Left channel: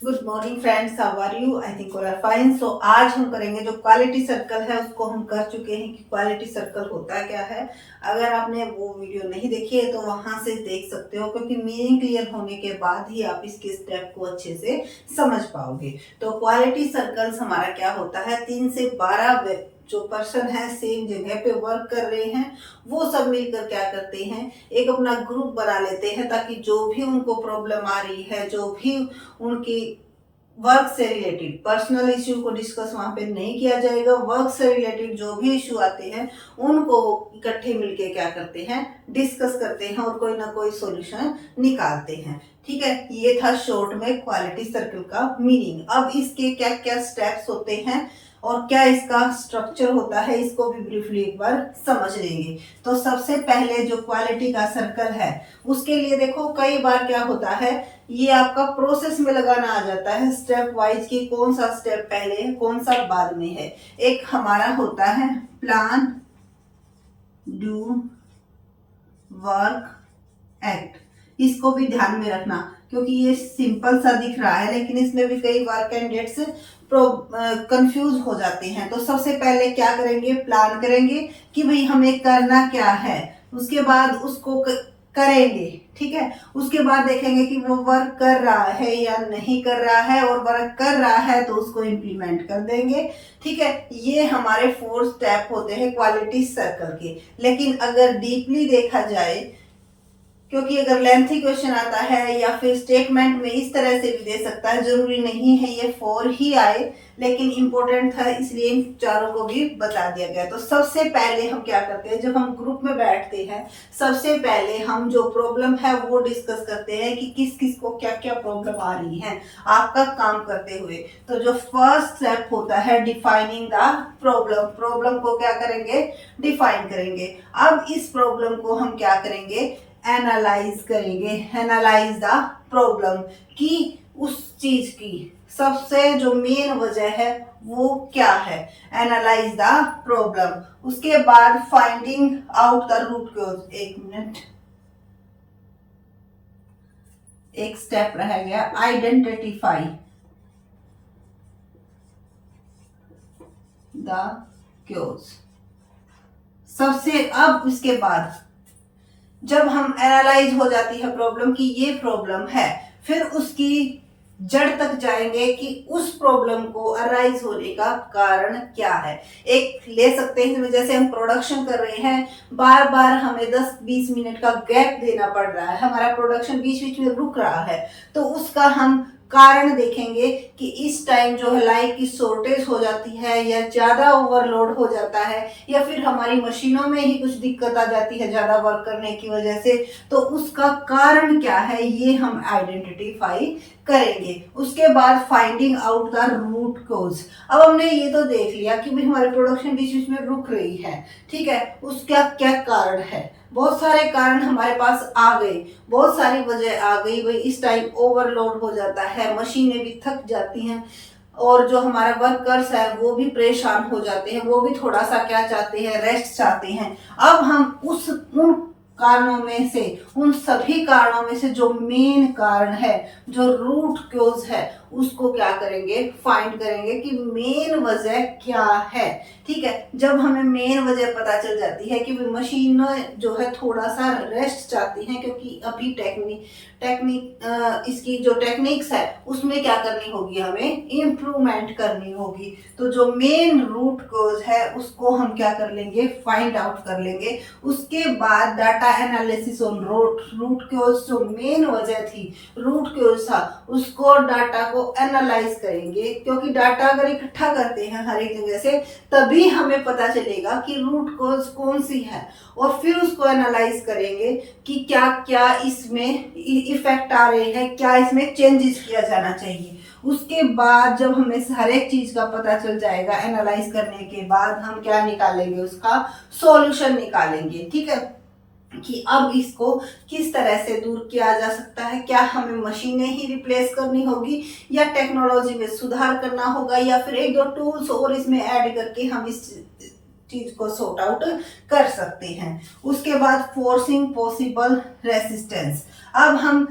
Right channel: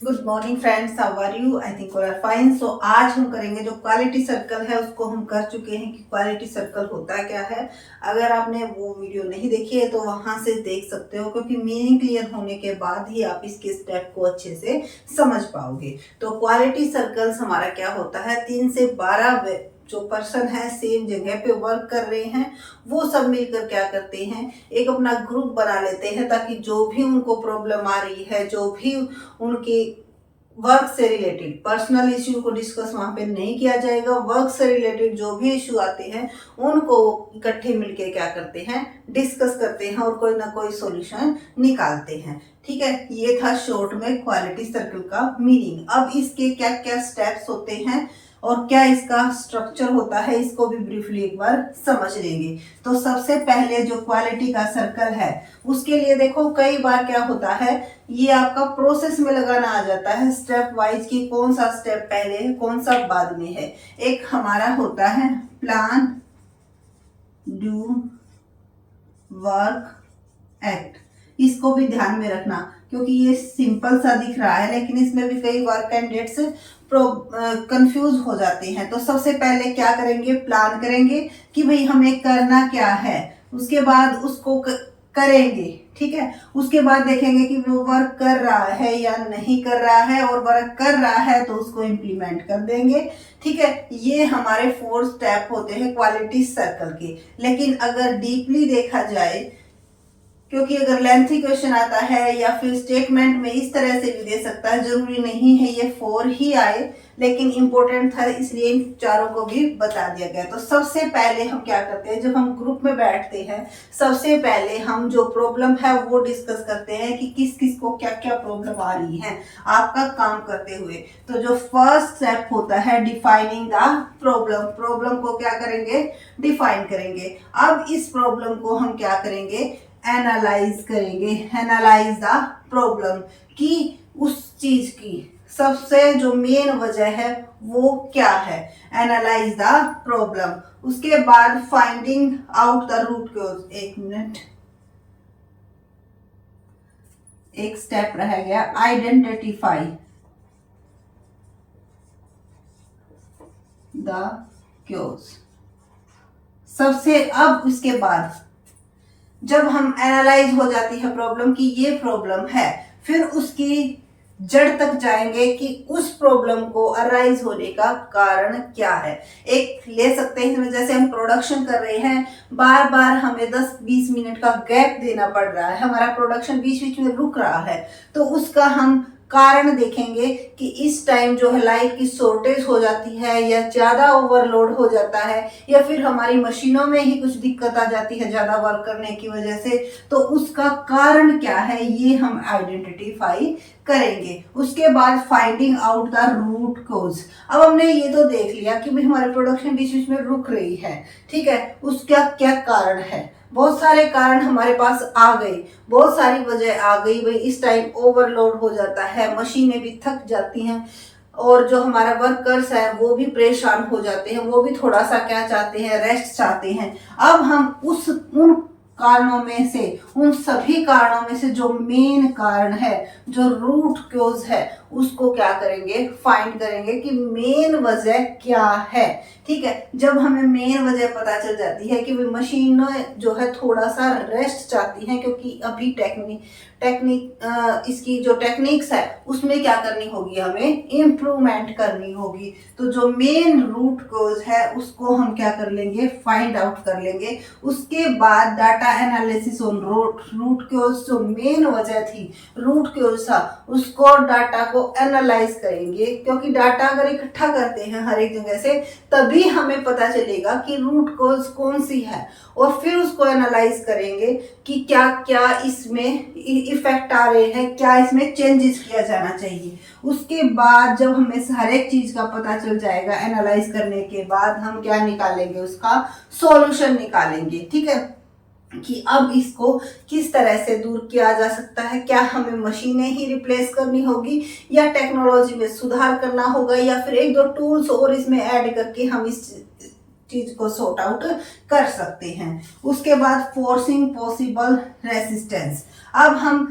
Good morning friends, how are you? I think are fine. So आज हम करेंगे जो क्वालिटी सर्कल है उसको हम कर चुके हैं कि क्वालिटी सर्कल होता क्या है। अगर आपने वो वीडियो नहीं देखी है तो वहां से देख सकते हो, क्योंकि मीनिंग क्लियर होने के बाद ही आप इसके स्टेप को अच्छे से समझ पाओगे। तो क्वालिटी सर्कल्स हमारा क्या होता है, 3 से 12 जो पर्सन है सेम जगह पे वर्क कर रहे हैं, वो सब मिलकर क्या करते हैं, एक अपना ग्रुप बना लेते हैं, ताकि जो भी उनको प्रॉब्लम आ रही है, जो भी उनके वर्क से रिलेटेड पर्सनल इश्यू को डिस्कस वहां पे नहीं किया जाएगा। वर्क से रिलेटेड जो भी इश्यू आते हैं उनको इकट्ठे मिलके क्या करते हैं, डिस्कस करते हैं और कोई ना कोई सॉल्यूशन निकालते हैं। ठीक है, ये था शॉर्ट में क्वालिटी सर्कल का मीनिंग। अब इसके क्या क्या स्टेप्स होते हैं और क्या इसका स्ट्रक्चर होता है, इसको भी ब्रीफली एक बार समझ लेंगे। तो सबसे पहले जो क्वालिटी का सर्कल है उसके लिए देखो, कई बार क्या होता है, ये आपका प्रोसेस में लगाना आ जाता है स्टेप वाइज कि कौन सा स्टेप पहले है कौन सा बाद में है। एक हमारा होता है प्लान, डू, वर्क, एक्ट। इसको भी ध्यान में रखना, क्योंकि ये सिंपल सा दिख रहा है लेकिन इसमें भी कई बार कैंडिडेट्स कंफ्यूज हो जाते हैं। तो सबसे पहले क्या करेंगे, प्लान करेंगे कि भाई हमें करना क्या है, उसके बाद उसको करेंगे। ठीक है, उसके बाद देखेंगे कि वो वर्क कर रहा है या नहीं कर रहा है, और वर्क कर रहा है तो उसको इम्प्लीमेंट कर देंगे। ठीक है, ये हमारे 4 स्टेप होते हैं क्वालिटी सर्कल के। लेकिन अगर डीपली देखा जाए, क्योंकि अगर लेंथी क्वेश्चन आता है या फिर स्टेटमेंट में इस तरह से भी दे सकता है, जरूरी नहीं है ये 4 ही आए, लेकिन इंपॉर्टेंट था इसलिए इन चारों को भी बता दिया गया। तो सबसे पहले हम क्या करते हैं, जब हम ग्रुप में बैठते हैं सबसे पहले हम जो प्रॉब्लम है वो डिस्कस करते हैं कि किस किस को क्या क्या प्रॉब्लम आ रही है आपका काम करते हुए। तो जो फर्स्ट स्टेप होता है डिफाइनिंग द प्रॉब्लम, प्रॉब्लम को क्या करेंगे, डिफाइन करेंगे। अब इस प्रॉब्लम को हम क्या करेंगे, एनालाइज करेंगे। एनालाइज द प्रॉब्लम कि उस चीज की सबसे जो मेन वजह है वो क्या है, एनालाइज द प्रॉब्लम। उसके बाद finding out the root cause. एक मिनट, एक स्टेप रह गया, आइडेंटिफाई द क्योज। सबसे अब उसके बाद जब हम एनालाइज हो जाती है प्रॉब्लम की ये प्रॉब्लम है, फिर उसकी जड़ तक जाएंगे कि उस प्रॉब्लम को अराइज होने का कारण क्या है। एक ले सकते हैं, जैसे हम प्रोडक्शन कर रहे हैं, बार बार हमें 10-20 मिनट का गैप देना पड़ रहा है, हमारा प्रोडक्शन बीच बीच में रुक रहा है, तो उसका हम कारण देखेंगे कि इस टाइम जो है लाइट की शॉर्टेज हो जाती है या ज्यादा ओवरलोड हो जाता है, या फिर हमारी मशीनों में ही कुछ दिक्कत आ जाती है ज्यादा वर्क करने की वजह से। तो उसका कारण क्या है ये हम आइडेंटिफाई करेंगे। उसके बाद finding out the root cause. अब हमने ये तो देख लिया कि भाई हमारी प्रोडक्शन बीच बीच में रुक रही है, ठीक है, उसका क्या कारण है। बहुत सारे कारण हमारे पास आ गए, बहुत सारी वजह आ गई, भाई इस टाइम ओवरलोड हो जाता है, मशीनें भी थक जाती हैं, और जो हमारा वर्कर्स है वो भी परेशान हो जाते हैं, वो भी थोड़ा सा क्या चाहते हैं, रेस्ट चाहते हैं। अब हम उन कारणों में से, उन सभी कारणों में से जो मेन कारण है, जो रूट क्योज है, उसको क्या करेंगे, फाइंड करेंगे कि मेन वजह क्या है। ठीक है, जब हमें मेन वजह पता चल जाती है कि मशीन जो है थोड़ा सा रेस्ट चाहती है, क्योंकि अभी इसकी जो टेक्निक्स है उसमें क्या करनी होगी, हमें इम्प्रूवमेंट करनी होगी। तो जो मेन रूट कोज है उसको हम क्या कर लेंगे, फाइंड आउट कर लेंगे। उसके बाद data analysis on root cause, जो मेन वजह थी, रूट कोज था, उसको डाटा को एनालाइज करेंगे, क्योंकि डाटा अगर इकट्ठा करते हैं हर एक जगह से तभी हमें पता चलेगा कि रूट कोज कौन सी है, और फिर उसको एनालाइज करेंगे कि क्या क्या इसमें इफेक्ट आ रहे हैं, क्या इसमें चेंजेस किया जाना चाहिए। उसके बाद जब हमें हर एक चीज का पता चल जाएगा, एनालाइज करने के बाद हम क्या निकालेंगे, उसका सॉल्यूशन निकालेंगे। ठीक है, कि अब इसको किस तरह से दूर किया जा सकता है, क्या हमें मशीनें ही रिप्लेस करनी होगी या टेक्नोलॉजी में सुधार करना होगा, या फिर 1-2 टूल्स और इसमें ऐड करके हम इस चीज को सॉर्ट आउट कर सकते हैं। उसके बाद फोर्सिंग पॉसिबल रेसिस्टेंस। अब हम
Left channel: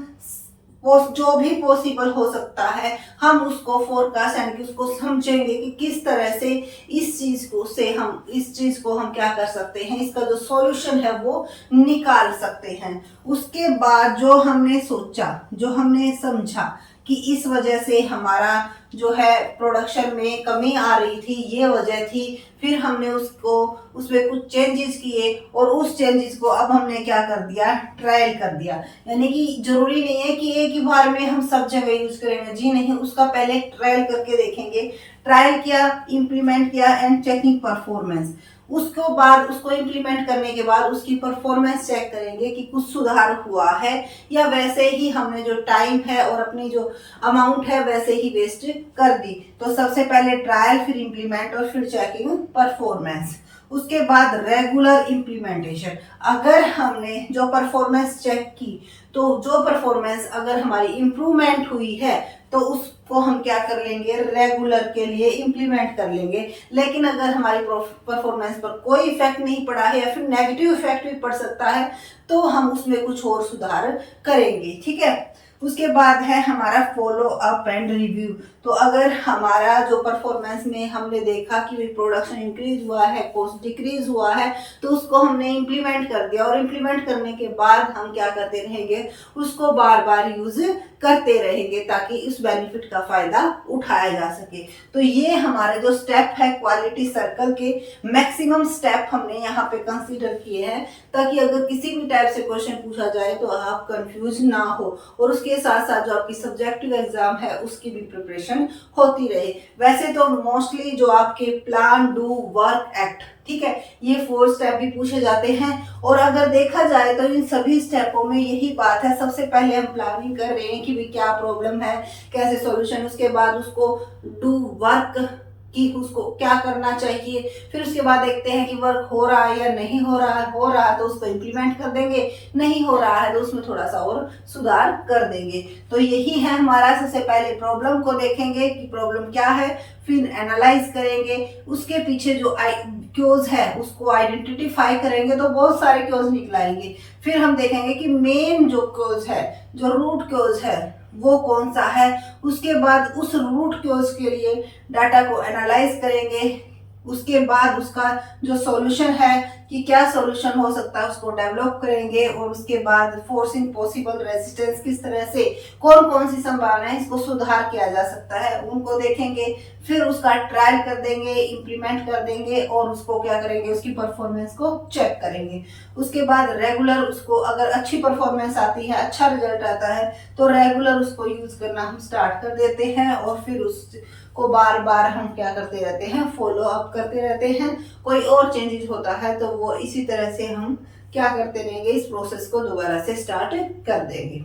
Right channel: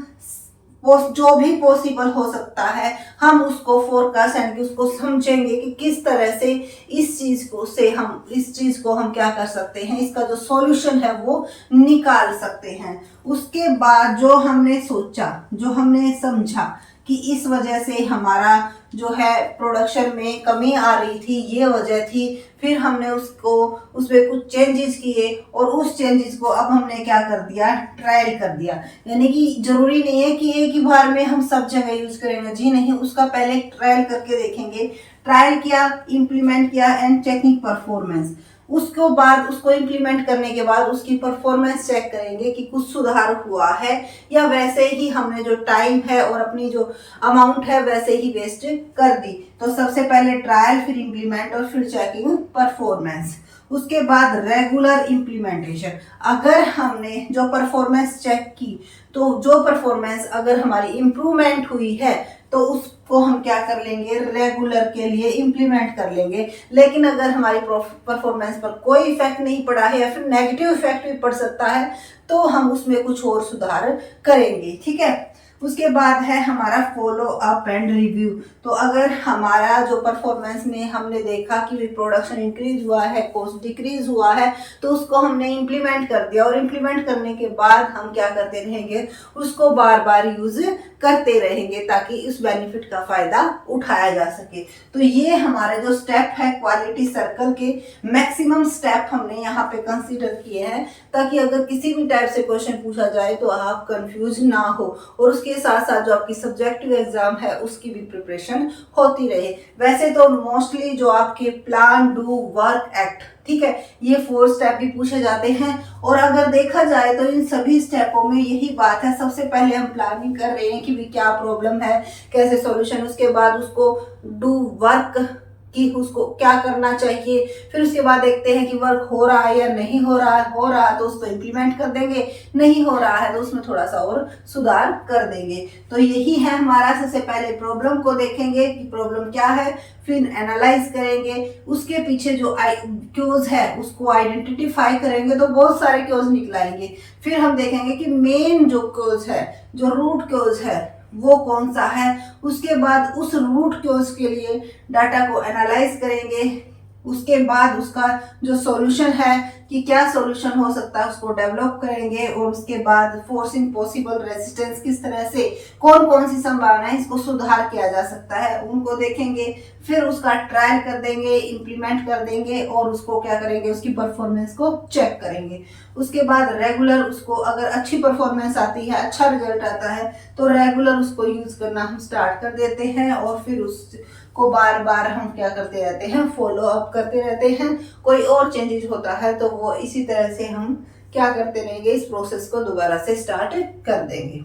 जो भी पॉसिबल हो सकता है हम उसको फोरकास्ट यानी कि उसको समझेंगे कि किस तरह से इस चीज को हम क्या कर सकते हैं, इसका जो सॉल्यूशन है वो निकाल सकते हैं। उसके बाद जो हमने सोचा, जो हमने समझा कि इस वजह से हमारा जो है प्रोडक्शन में कमी आ रही थी, ये वजह थी, फिर हमने उसमें कुछ चेंजेस किए और उस चेंजेस को अब हमने क्या कर दिया, ट्रायल कर दिया। यानी कि जरूरी नहीं है कि एक ही बार में हम सब जगह यूज करेंगे, जी नहीं, उसका पहले ट्रायल करके देखेंगे। ट्रायल किया, इम्प्लीमेंट किया एंड चेकिंग परफॉर्मेंस। उसको बाद उसको इम्प्लीमेंट करने के बाद उसकी परफॉर्मेंस चेक करेंगे कि कुछ सुधार हुआ है या वैसे ही हमने जो टाइम है और अपनी जो अमाउंट है वैसे ही वेस्ट कर दी। तो सबसे पहले ट्रायल, फिर इम्प्लीमेंट और फिर चेकिंग परफॉर्मेंस। उसके बाद रेगुलर इम्प्लीमेंटेशन। अगर हमने जो परफॉर्मेंस चेक की तो जो परफॉर्मेंस अगर हमारी इम्प्रूवमेंट हुई है तो उसको हम क्या कर लेंगे, रेगुलर के लिए इम्प्लीमेंट कर लेंगे। लेकिन अगर हमारी परफॉर्मेंस पर कोई इफेक्ट नहीं पड़ा है या फिर नेगेटिव इफेक्ट भी पड़ सकता है तो हम उसमें कुछ और सुधार करेंगे। ठीक है। उसके बाद है हमारा फॉलो अप एंड रिव्यू। तो अगर हमारा जो परफॉर्मेंस में हमने देखा कि प्रोडक्शन इंक्रीज हुआ है, कॉस्ट डिक्रीज हुआ है, तो उसको हमने इम्प्लीमेंट कर दिया और इम्प्लीमेंट करने के बाद हम क्या करते रहेंगे, उसको बार बार यूज करते रहेंगे ताकि इस बेनिफिट का फायदा उठाया जा सके। तो ये हमारे जो स्टेप है क्वालिटी सर्कल के मैक्सिमम स्टेप हमने यहाँ पे कंसीडर किए हैं ताकि अगर किसी भी टाइप से क्वेश्चन पूछा जाए तो आप कंफ्यूज ना हो और उसके साथ साथ जो आपकी सब्जेक्टिव एग्जाम है उसकी भी प्रिपरेशन होती रहे। वैसे तो मोस्टली जो आपके प्लान, डू, वर्क, एक्ट, ठीक है, ये 4 स्टेप भी पूछे जाते हैं और अगर देखा जाए तो इन सभी स्टेपों में यही बात है, सबसे पहले हम प्लानिंग कर रहे हैं कि भी क्या प्रॉब्लम है, कैसे सॉल्यूशन, उसके बाद उसको डू वर्क कि उसको क्या करना चाहिए, फिर उसके बाद देखते हैं कि वर्क हो रहा है या नहीं हो रहा है, हो रहा है तो उसको इम्प्लीमेंट कर देंगे, नहीं हो रहा है तो उसमें थोड़ा सा और सुधार कर देंगे। तो यही है हमारा, सबसे पहले प्रॉब्लम को देखेंगे कि प्रॉब्लम क्या है, फिर एनालाइज करेंगे, उसके पीछे जो क्योज है उसको आइडेंटिफाई करेंगे तो बहुत सारे क्योज निकल आएंगे। फिर हम देखेंगे कि मेन जो क्योज है, जो रूट क्योज है वो कौन सा है। उसके बाद उस रूट क्योज के लिए डाटा को एनालाइज करेंगे, उसके बाद उसका जो सॉल्यूशन है कि क्या सॉल्यूशन हो सकता है उसको डेवलप करेंगे और उसके बाद फोर्सिंग पॉसिबल रेजिस्टेंस, किस तरह से कौन कौन सी संभावना है इसको सुधार किया जा सकता है उनको देखेंगे। फिर उसका ट्रायल कर देंगे, इम्प्लीमेंट कर देंगे और उसको क्या करेंगे, उसकी परफॉर्मेंस को चेक करेंगे। उसके बाद रेगुलर उसको अगर अच्छी परफॉर्मेंस आती है, अच्छा रिजल्ट आता है तो रेगुलर उसको यूज करना हम स्टार्ट कर देते हैं और फिर उसको बार बार हम क्या करते रहते हैं, फॉलो अप करते रहते हैं। कोई और चेंजेस होता है तो वो इसी तरह से हम क्या करते रहेंगे, इस प्रोसेस को दोबारा से स्टार्ट कर देंगे।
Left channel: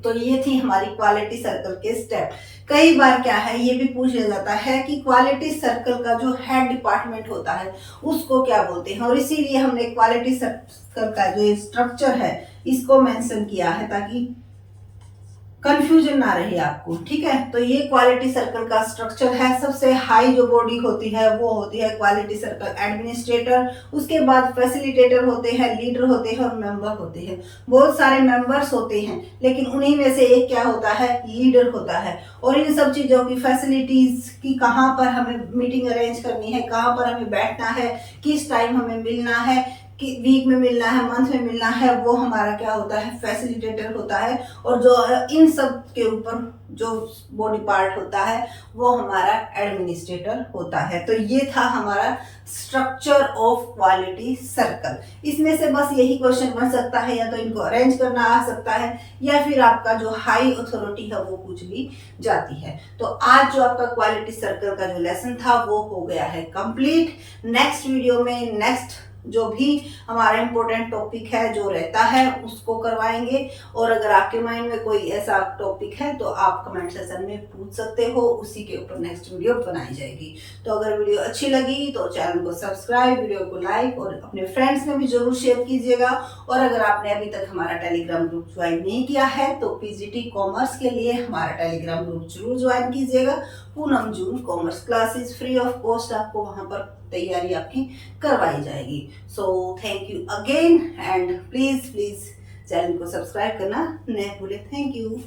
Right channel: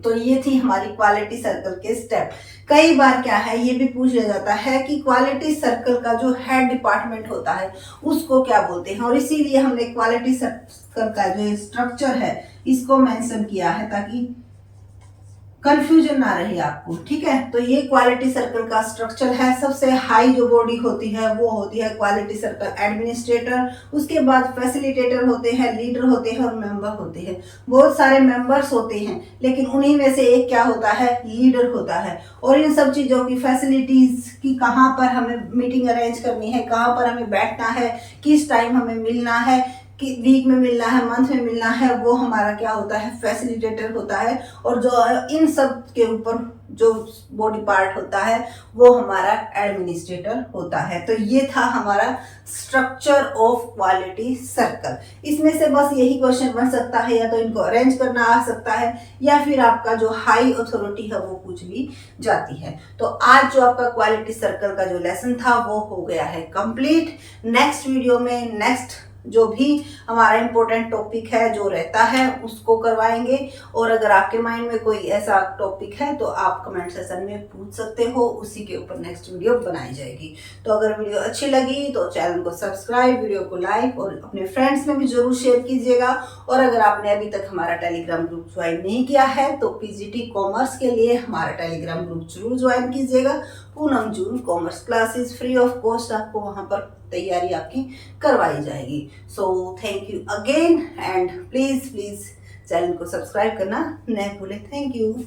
तो ये थी हमारी क्वालिटी सर्कल के स्टेप। कई बार क्या है ये भी पूछा जाता है कि क्वालिटी सर्कल का जो हेड डिपार्टमेंट होता है उसको क्या बोलते हैं, और इसीलिए हमने क्वालिटी सर्कल का जो स्ट्रक्चर है इसको मेंशन किया है ताकि कंफ्यूजन ना रहे आपको। ठीक है, तो ये क्वालिटी सर्कल का स्ट्रक्चर है। सबसे हाई जो बॉडी होती है वो होती है क्वालिटी सर्कल एडमिनिस्ट्रेटर, उसके बाद फैसिलिटेटर होते हैं, लीडर होते हैं और मेंबर होते हैं। बहुत सारे मेंबर्स होते हैं लेकिन उन्हीं में से एक क्या होता है, लीडर होता है। और इन सब चीज़ों की फैसिलिटीज की कहाँ पर हमें मीटिंग अरेंज करनी है, कहाँ पर हमें बैठना है, किस टाइम हमें मिलना है, कि वीक में मिलना है, मंथ में मिलना है, वो हमारा क्या होता है, फैसिलिटेटर होता है। और जो इन सब के ऊपर जो बॉडी पार्ट होता है वो हमारा एडमिनिस्ट्रेटर होता है। तो ये था हमारा स्ट्रक्चर ऑफ क्वालिटी सर्कल। इसमें से बस यही क्वेश्चन बन सकता है, या तो इनको अरेंज करना आ सकता है या फिर आपका जो हाई अथॉरिटी है वो पूछ भी जाती है। तो आज जो आपका क्वालिटी सर्कल का जो लेसन था वो हो गया है कंप्लीट। नेक्स्ट वीडियो में नेक्स्ट जो भी हमारा इम्पोर्टेंट टॉपिक है जो रहता है उसको करवाएंगे। और अगर आपके माइंड में कोई ऐसा टॉपिक है तो आप कमेंट सेक्शन में पूछ सकते हो, उसी के ऊपर नेक्स्ट वीडियो बनाई जाएगी। तो अगर वीडियो अच्छी लगी तो चैनल को सब्सक्राइब, वीडियो को लाइक और अपने फ्रेंड्स में भी जरूर शेयर कीजिएगा। और अगर आपने अभी तक हमारा टेलीग्राम ग्रुप ज्वाइन नहीं किया है तो पीजीटी कॉमर्स के लिए हमारा टेलीग्राम ग्रुप जरूर ज्वाइन कीजिएगा। Poonam June commerce classes free of cost आपको वहां पर तैयारी आपकी करवाई जाएगी। So thank you again and please channel को सब्सक्राइब करना न भूलें। Thank you.